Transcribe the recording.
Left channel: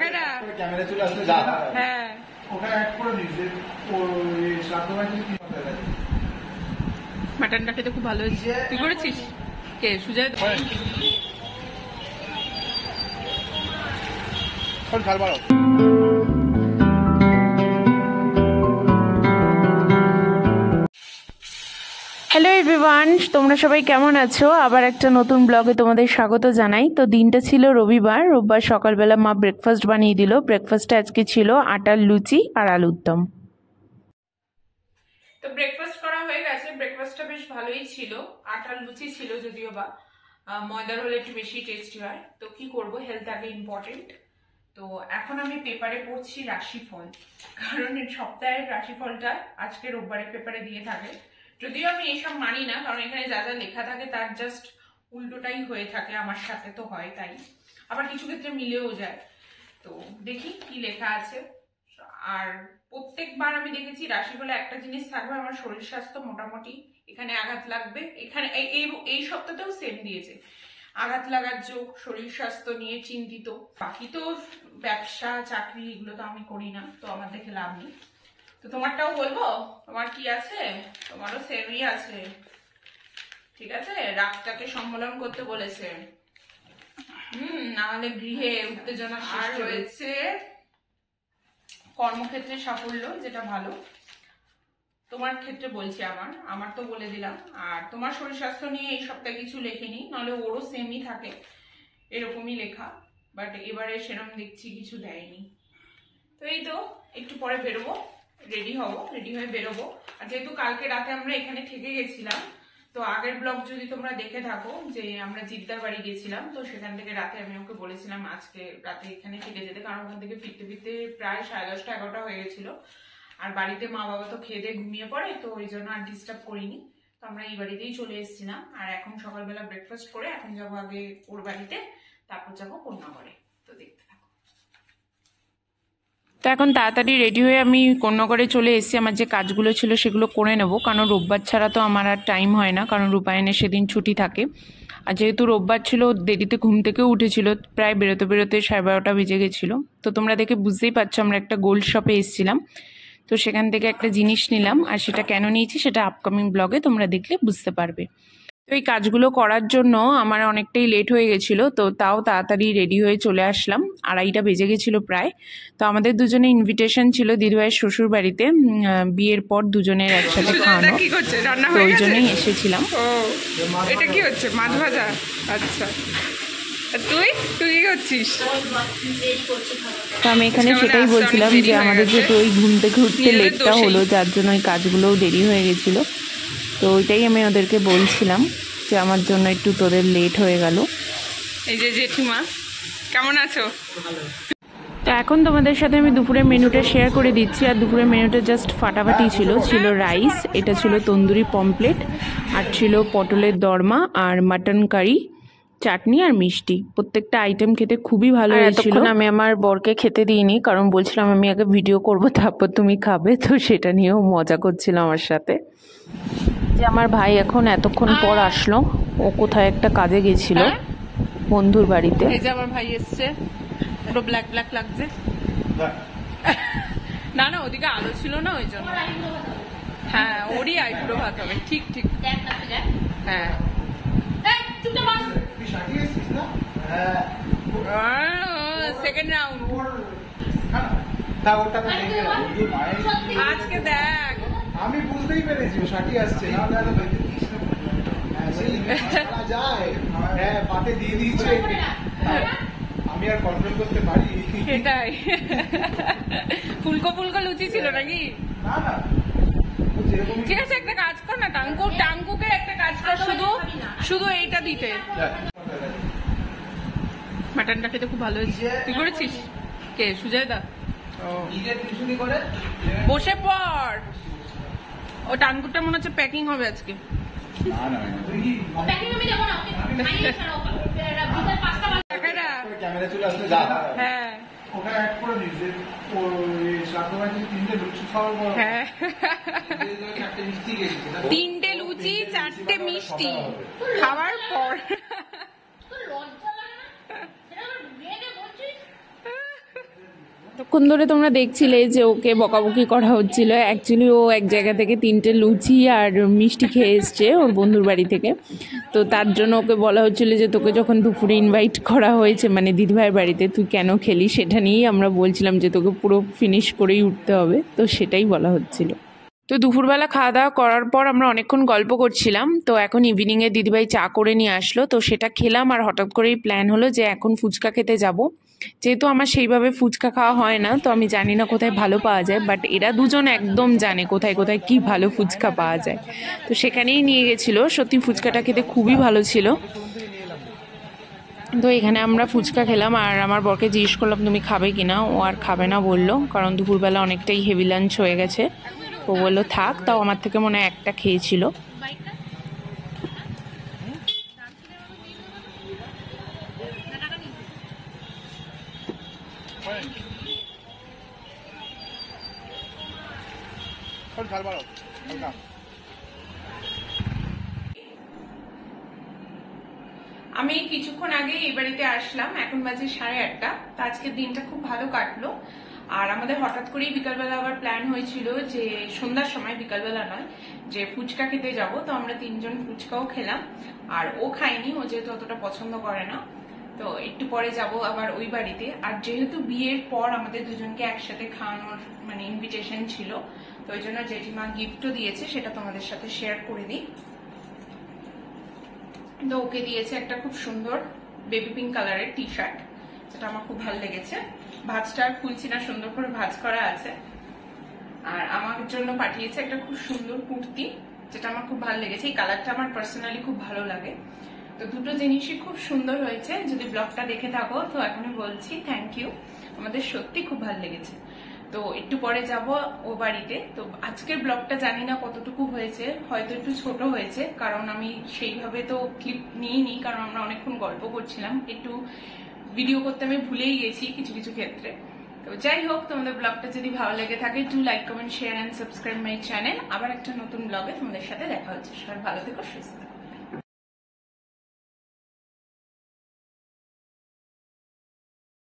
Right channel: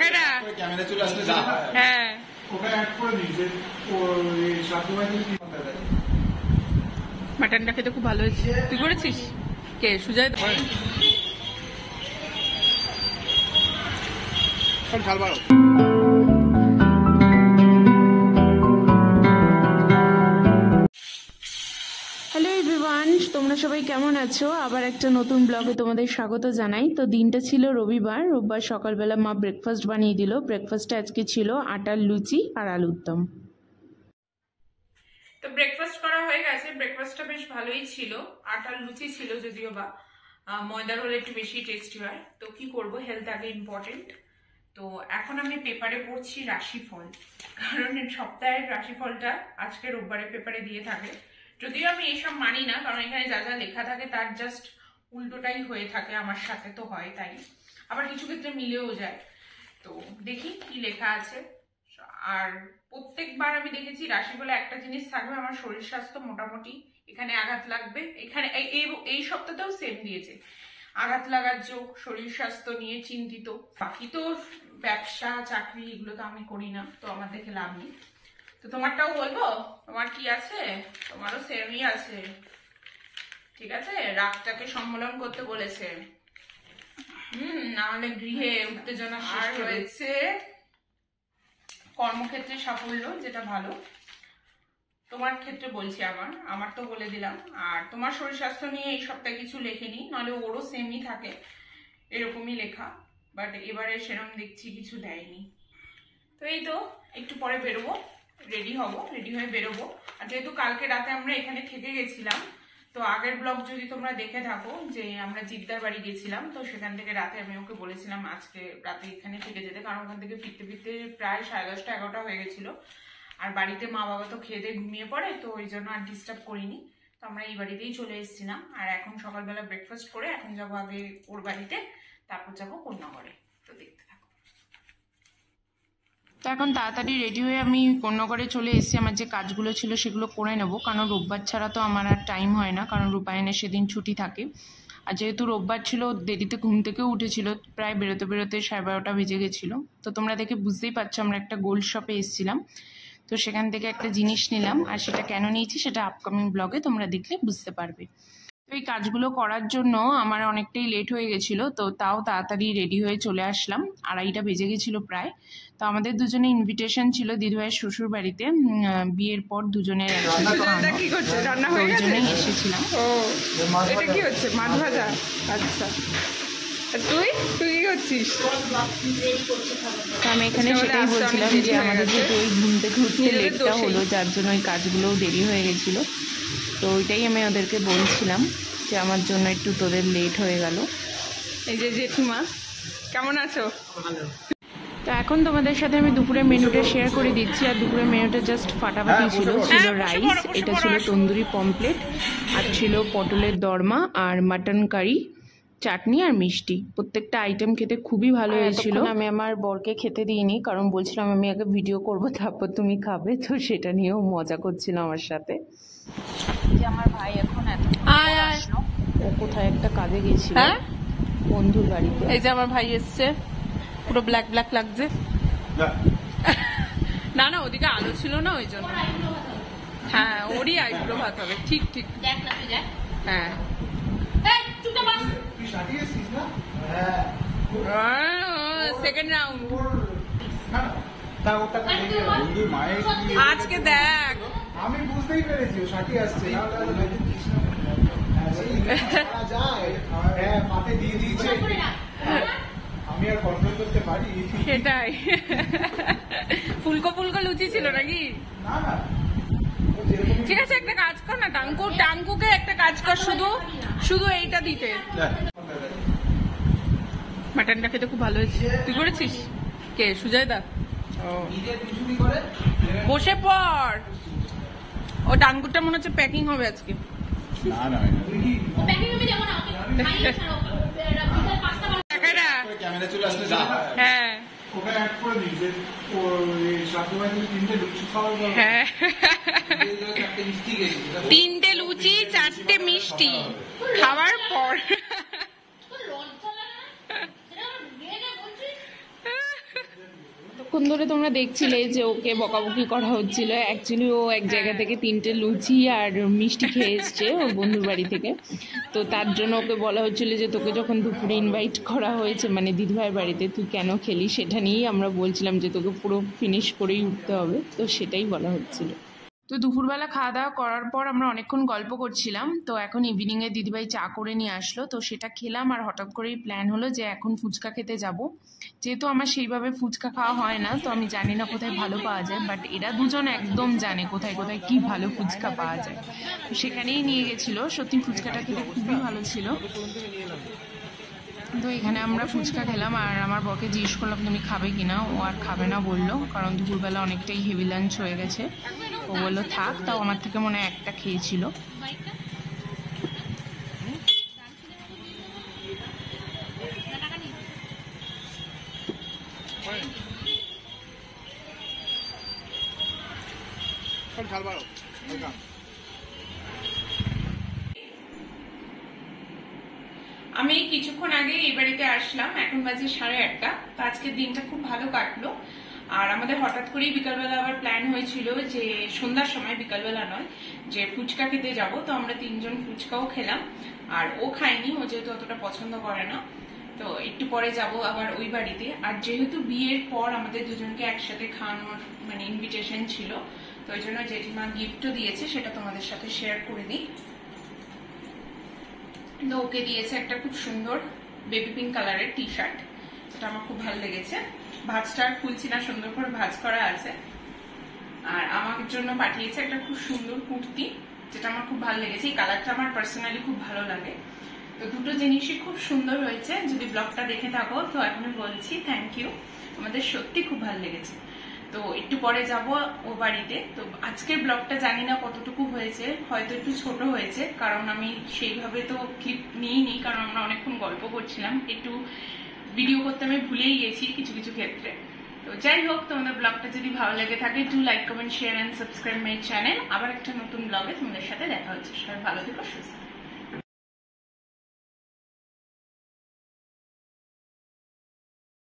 Camera চলে আসলে যা হ্যাঁ ওখানে অ্যাড করে দিস যে ওই সাবধানে মাটনটা খেতে খুব ভালো হয়েছে। তুই করেছিস? কে সুজয়? ঝাল বাড়ো। হ্যালো এভরিওয়ান, তোমরা সবাই কেমন আছো? আবার একটা নতুন ব্লগে তোমাদের স্বাগত জানাই। তো দিনটা ছিল রবিবার সকালবেলা মা ব্রেকফাস্ট বানিয়ে দিল। ব্রেকফাস্টে আজকে ছিল আটার লুচি আর আলুর দম। তো ব্রেকফাস্ট করা হয়ে গেছে। ব্রেকফাস্টটা বেশ ভালোই ছিল। আটার লুচি ছিল, যদিও বা ময়দার হলে একটু বেশি টেস্টি হয়। তো কি করব, হেলথ আগে ইম্পর্টেন্ট। তো এখন আমি পেপারে পড়ছি রাশিফল, কারণ সপ্তাহের রাশিফলটা আজকে রোববারে পেপারে দিয়ে থাকে। যদিও আমি এইসব মানি না, কারণ এখানে যা যা লেখা থাকে তার জাস্ট উল্টোটাই হয়ে থাকে। আমার সাথে তো হয় তাই, আবার কিছু ক্ষেত্রে মিলেও যায়। তো দেখি কি লেখা আছে। আর প্রত্যেকবার আমি দেখেছি রাশিফলে একটা জিনিস থাকবে, আমার শরীর স্বাস্থ্য মোটামুটি এখানে আঘাত লাগবে। এখানে এই সপ্তাহতেও সেম দিয়েছে, আঘাত লাগার যোগ, শরীর স্বাস্থ্য নিয়ে চিন্তিত। বাকি তো ব্যবসা চাকরি এগুলো তো আমি করি না, তো আমার দেখে লাভ নেই। তো তোমারটাও বলবো, তোমার কি আছে? তোমারও সেমই আছে, ঠিক আছে। রাগটাকে সম্মেলন করতে বলেছে, নাহলে গৃহে উত্তেজনা আর রয়েছে কর্মক্ষেত্রে সাফল্য, যেটা ভালো। তোমার ক্ষেত্রে বলছি, আমার তো বলে দিলাম। আর তোমার শরীর স্বাস্থ্য নিয়ে এই সপ্তাহে কিছু লেখেনি, নাহলে ওরও সেমই থাকে, এরকমই লেখা। বাট এবারে সেরকম দেখছি কিছু দেয়নি। তো এই তো একটু পরে বেরোবো, রেডি হয়ে বেরোবো। আর যেহেতু কালকে রাতে আমরা এখানে থেকে গেছিলাম, তো আগের ব্লগ যদি তোমরা দেখে থাকো, যে আমরা জিদ্দার বাড়ি গেছিলাম, তো সেখান থেকে রাতে আমি ওকে বলেছিলাম আজকে রাতে এখানে থেকে যেতে, কারণ ওখান থেকে ফিরতে ফিরতে প্রায় 10:30 11টা হয়ে গেছিল। আর বাড়িতে মা বাবা তো খেয়ে দিয়ে ঘুমিয়ে পড়ে, তো ওই জন্য আর ডিস্টার্ব করিনি। তো আমরা এই বাড়িতেই চলে এসেছিলাম। আর এখন সকালবেলা ব্রেকফাস্ট করে এখন যাবো আগে ওর বাড়িতে, তারপর যাবো কন্যাগড়ে। তো দেখতে থাকো। তো এখন তাড়াতাড়ি রেডি হয়ে আমি কন্যাগড়ে চলে এসেছি। আমার যে কাজগুলো ছিল সেগুলো করে নেব, কারণ রোববার ছাড়া তো আমার আর টাইম হয় না, কারণ রূপায়ণের সেদিন ছুটি থাকে। আর যেহেতু রোববার ছিল, দেরিতে ঘুম থেকেও উঠেছিল, প্রায় বেরোতে 12:30 বেজে গেছিলো। তো তোমরা দেখে বুঝতেই পারছো আমরা একটা গোল্ড শপে এসেছিলাম, তো সেখান থেকে একটা জিনিস নিলাম। আর সেটা কেন নিয়েছি সেটা আপকামিং ব্লগে তোমরা দেখলে বুঝতে পারবে। তো এই কাজগুলো করার জন্য আমার অনেকটাই লেট হয়ে গেছিলো, তো তাও তাড়াতাড়ি রেডি হয়ে চলে আসলাম। 2:30টা বেজে গেছিলো প্রায়। তো আমাদের দুজনে ইনভিটেশন ছিল দিদিভাইয়ের শ্বশুর বাড়িতে, বিয়ের পর দুজনের একসাথে খাওয়ানো। কি করছে, রান্না হয়ে গেছে? ওই জন্যই এসেছিলাম। ও এটা কি হচ্ছে? মাছ ভাজা। আচ্ছা, তুই কি করছিস? তো আমি এখানে সেটাই বলছিলাম যে আমাদের যেহেতু ওই ঘুম থেকে উঠতে লেটটা হলো, যার জন্য ওই কাজগুলোও দেরি হয়ে গেছিলো। তো ওইটাই আমি ওদেরকে বলছিলাম যে আমার জন্য একটু তোদের লেট হয়ে গেল। এই যে জেঠিমা, কেমন আছো? তো এখন তোমাদের সাথে আমি দুপুরের মেনুটা শেয়ার করে দিচ্ছি। আর দুপুরের মেনুটা জাস্ট ফাটাফাটি ছিল রাইস, এটা ছিল তন্দুরি পমপ্লেট, আর ছিল পটলের দরমা আর মাটন কারি, চাটনি আর মিষ্টি। প্রত্যেকটা আইটেম খেতে খুবই ভালো হয়েছিল। আমি আমার বরকে খেতে দিইনি, কারণ বলছিলাম আমি আগে ভিডিও করব তারপর তুমি খাবে, তো সেটা নিয়েও মজা করছিল আমার সাথে। যে আমার ভাই এখন এতক্ষণ পর আসলো, ও কোথায় একটা কাজে গেছিল বন্ধুর বাড়িতে। এই যে আমার ভাই এসছে, পুরো ব্ল্যাক ব্ল্যাক লাগছে। না না, ওদিকে আলো ছিল না, ওই জন্য। হ্যাঁ, ওরই আইব্রো ভাত হবে। ঠিক ঠিক, হ্যাঁ। সেকেন্ড রাউন্ড আজকে দেখ, আমি বুঝতেই পেরেছি সাথী আসছে। পাতে দিয়ে দিয়েছে, আমি আর কন্ট্রোল করতে পারি? সেটাই। ফুলকো লুচি ছিল নাকি? না না, ঠিক আছে, একটা কাজ কর না, টাঙ্কুকে একটা কাজ কর, শুধু এইটা দিতে। মাটনটা খেতে খুব ভালো হয়েছে। তুই করেছিস? কে সুজয় দা? বসে পড়, ও টাঙ্কুটা মনে হচ্ছে প্যাকিং হবে আজকে। ক্যামেরা চলে আসলে যা, হ্যাঁ ওখানে অ্যাড করে দিস যে সাবধানে 3টে লুচি খাওয়ার পর, হ্যাঁ 3টে লুচি 4টে মিষ্টি খাওয়ার পর। এতক্ষণ ধরে তোমরা দেখছিলে যে ওকে বকাবকি করা হচ্ছিল, অ্যাকচুয়ালি ও এক জায়গা থেকে 3টে লুচি আর মিষ্টি খেয়ে এসছে ওর বন্ধুর বাড়ি থেকে। তো তার জন্য ওকে বলা হচ্ছিল যে তোকে যখন দুপুরে ইনভাইট করা হয়েছে মানে দিদিভাইয়ের বাড়িতে, তুই কেন খেলি, সেটা নিয়েই আমরা বলছিলাম যে তোকে পুরো ফিনিশ করেই উঠতে হবে, তো সেটাই বলা হচ্ছিল। তো দুপুরবেলা খাওয়া দাওয়া করার পর আমরা অনেকক্ষণ গল্প করছিলাম। তো এখন ইভিনিংয়ে দিদিভাই চা করে নিয়ে আসলো, তো সেটা খেলাম। আর হঠাৎ করেই প্ল্যান হলো যে এখন ফুচকা খেতে যাব। যেহেতু আমার সেইভাবে ফুচকা খাওয়া হয় না, তো আমি জানি না কোথায় ভালো পাওয়া যায়, বাট এরা দুজন একদম জানে কোথায় কোথায় কি ভালো ফুচকা পাওয়া যায়। তো সেখানেই নিয়ে গেছিলো। সত্যি ফুচকাটা খেতে খুবই ভালো ছিল। তো এখানে আমরা ফুচকা খেলাম, আর আমার বরকে জিজ্ঞেস করলাম তুমি খাবে কিনা, ও আর খাবে না বললো, কারণ দুপুরবেলা অনেকটাই হেভি লাঞ্চ হয়ে গেছে। ও বললো থাক, তাও আমার থেকে মনে হয় একটা খেয়েছিল। আমি কিছুক্ষণ আগে এই বাড়িতে আসলাম, এখন বাজে 8:30। তো আজকের দিনটা খুব ভালো কাটলো। আর আমাদের হঠাৎ করেই বিকালবেলা আবার প্ল্যান হয়েছিল যে সন্ধ্যার সময়, বিকালবেলা নয়, যে ফুচকা খেতে যাব। তো আমরা 3জন ফুচকাও খেলাম, আর ও খায়নি, ও যেহেতু অতটা পছন্দ করে না। তো একটু পরে যাব আবার ওই বাড়িতে। আর যেহেতু বিয়ের পর আমাদের দুজনকে একসাথে খাওয়ানোর মানে ইনভিটেশন ছিল, তো ওই জন্য জেঠিমা গিফটও দিয়েছে, সেটা তোমাদের সাথে শেয়ার করে দিই। তো ওকে দিয়েছে একটা খুব সুন্দর বেবি পিঙ্ক কালারের টি শার্ট, যেটা আমার খুব ভালো লেগেছে। ভাঁজটা আর খুলছি না, সুন্দর করে ভাঁজ করা আছে। আর আমার জন্য পাঠিয়েছে একটা খুব সুন্দর কুর্তি, যেটা আমার খুব ভালো লেগেছে। এই কালারটা আমার পার্সোনালি খুব ভালো লাগে। তো দুটো জিনিসই খুব সুন্দর হয়েছে। যদি ব্লগটা দেখে থাকো তো এখনই বলছি থ্যাংক ইউ, আমাদের সত্যি খুব ভালো লেগেছে। তো একটু পরে যাব ও বাড়িতে। তো আজকের ব্লগটা জানি না কতটুকু হয়েছে, হয়তো একটু ছোট হয়েছে, কারণ আমি সেইভাবে তো ক্লিপ নিইনি, কারণ আমরা অনেকক্ষণ গল্প করছিলাম। একটু ভিডিও করতে আমি ভুলেই গেছি কিছু কিছু ক্ষেত্রে। তো যাই হোক, তোমাদের ব্লগটা যদি ভালো লেগে থাকে, do like, comment, share and subscribe my channel. আবার একটা নতুন ব্লগে তোমাদের সাথে দেখা হচ্ছে। সবাই ভালো থেকো, সুস্থ থেকো।